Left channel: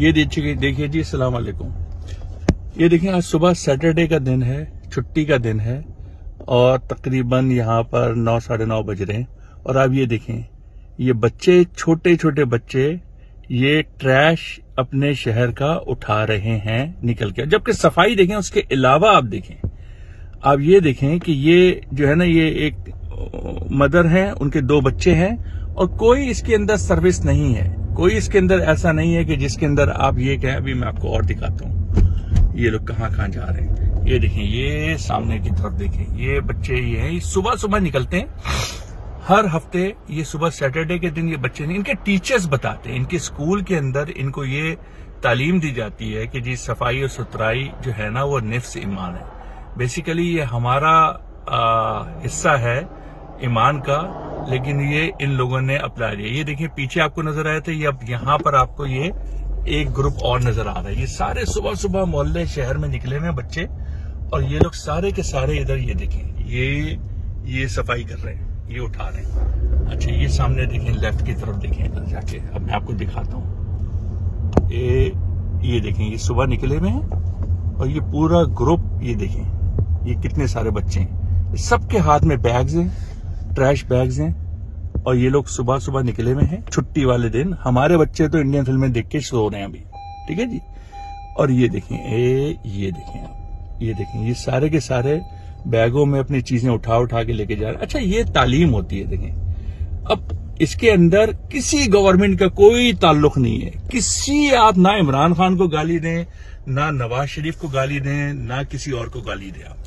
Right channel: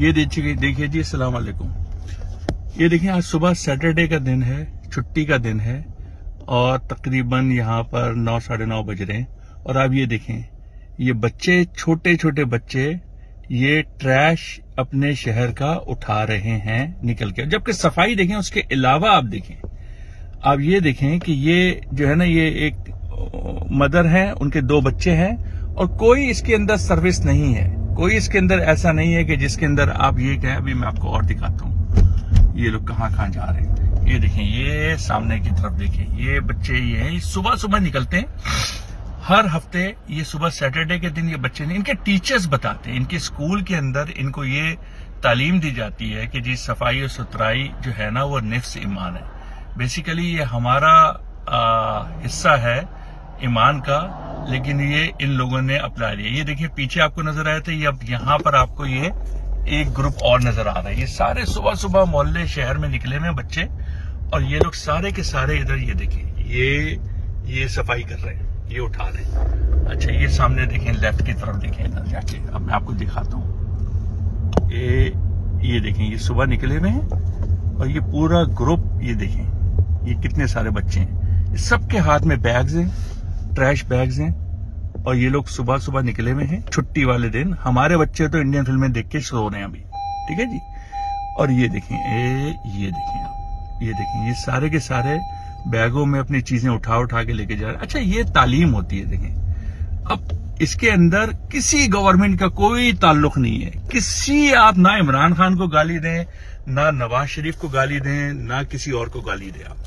ये देखिए जी, अस्सलाम वालेकुम। ये देखिए आज सुबह सैटरडे का दिन है, छुट्टी का दिन है और तकरीबन यहाँ पर 9 साढ़े 9 बज रहे हैं। और आप ये देखें, ये बच्चे, छोटे छोटे बच्चे, ये ट्रैश अपने शहर का उठा रहे हैं निकल के। जबकि सफाई देखें, उसके अलावा आप देखें, आप ये देखें कि ये जो है ना, ये एक मदर है, उनके 2 बच्चे हैं और कोई इसके अंदर सर्विस नहीं है। कोई इसके अंदर ऐसा नहीं है कि जिसके अंदर आप ये कहें। अभी मैं आपको और दिखाता हूँ, ये लोग कहाँ कहाँ जा रहे हैं। ये देखें, ये सामने की तरफ देखें, ये बच्चे ये हैं, ये सुबह सुबह निकलते हैं हर हफ्ते। ये सुबह सैटरडे के दिन ये बच्चे नहीं, इनके टीचर्स बताते हैं, इनके स्कूल के अंदर इनको ये तालीम दी जाती है कि जी सफाई और सुथराई जो है ना, वो निफ्स ईमान है। बेसिकली ये हमारा हिस्सा है ईमान का, लेकिन ये इन लोगों ने अपना लिया। ये देखिए पीछे आपको नजर आया था, ये अब यहाँ पर आपको ये एक ग्रुप और नजर आ रहा है। ये सारे सुबह सुबह मोहल्ले शहर में निकले हुए बच्चे और ये लोग सारे के सारे इधर ये देखें, ये सफाई कर रहे हैं, ये उठा रहे हैं। अच्छा, ये सामने देखें, लेफ्ट की तरफ देखें इधर जाके, अब मैं आपको दिखाता हूँ। ये देखें, ये सुबह निकले हुए हैं और ये पूरा ग्रुप, ये देखें ये कितने सारे बच्चे हैं, सबके हाथ में बैग्स हैं, ट्रैश बैग्स हैं और ये लोग सुबह सुबह निकले हुए हैं छुट्टी वाले दिन। हमारे बच्चे तो इंडियन फिल्में देख के सो रहे हैं अभी, ठीक है जी। और ये देखें, ये देखें आप, ये देखें, ये सारे के सारे बैगों में अपनी चीजें उठा उठा के लेके जा रहे हैं। अच्छा, ये तालीम होती है। देखें, अब इसके अंदर किसी गवर्नमेंट का कोई ताल्लुक नहीं है। किसी, आप ना इमरान खान को गाली दें, ना नवाज शरीफ को गाली दें, ना किसी और को गाली दें।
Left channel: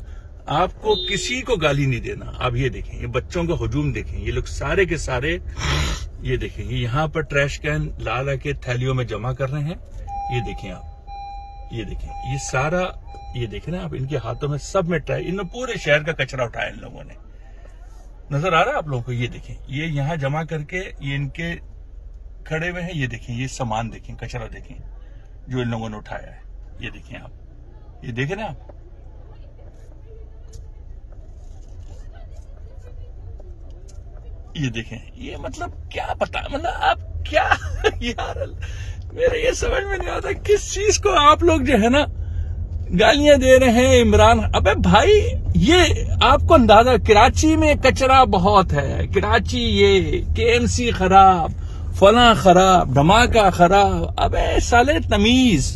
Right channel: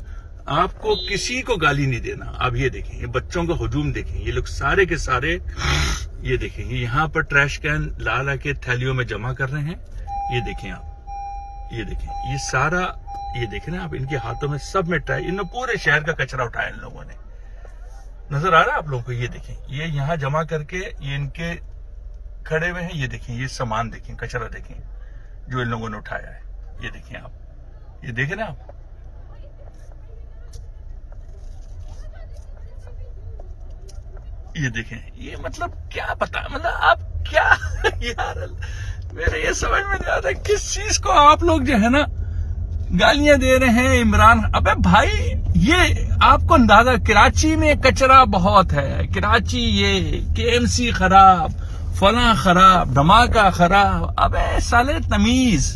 आपको किसी को गाली नहीं देना। आप ये देखें, ये बच्चों का हुजूम देखें, ये लोग सारे के सारे, ये देखें, ये यहाँ पर ट्रैश कैन ला ला के थैलियों में जमा कर रहे हैं। ये देखें आप, ये देखें, ये सारा, ये देखें ना आप, इनके हाथों में सब में ट्रैश, इन्होंने पूरे शहर का कचरा उठाया इन लोगों ने। नजर आ रहा है आप लोगों को? ये देखें, ये यहाँ जमा करके ये इनके खड़े हुए हैं। ये देखें, ये सामान देखें, कचरा देखें जो इन लोगों ने उठाया है। ये देखें आप, ये देखें ना आप, ये देखें, ये मतलब क्या पता, मतलब आप क्या यार, मेरे ये समझ में नहीं आता किस चीज को आप लोग जो है ना गालियां दे रहे हैं इमरान। अबे भाई, ये आपको अंदाजा, कराची में कचरा बहुत है, कराची, ये केएमसी खराब, फला खराब, धमाका खराब। अबे साले, तमीज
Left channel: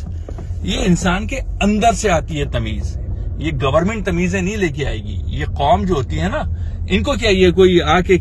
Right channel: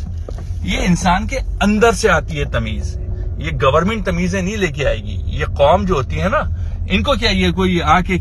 ये इंसान के अंदर से आती है तमीज। ये गवर्नमेंट तमीजें नहीं लेके आएगी। ये कौम जो होती है ना, इनको क्या ये कोई आके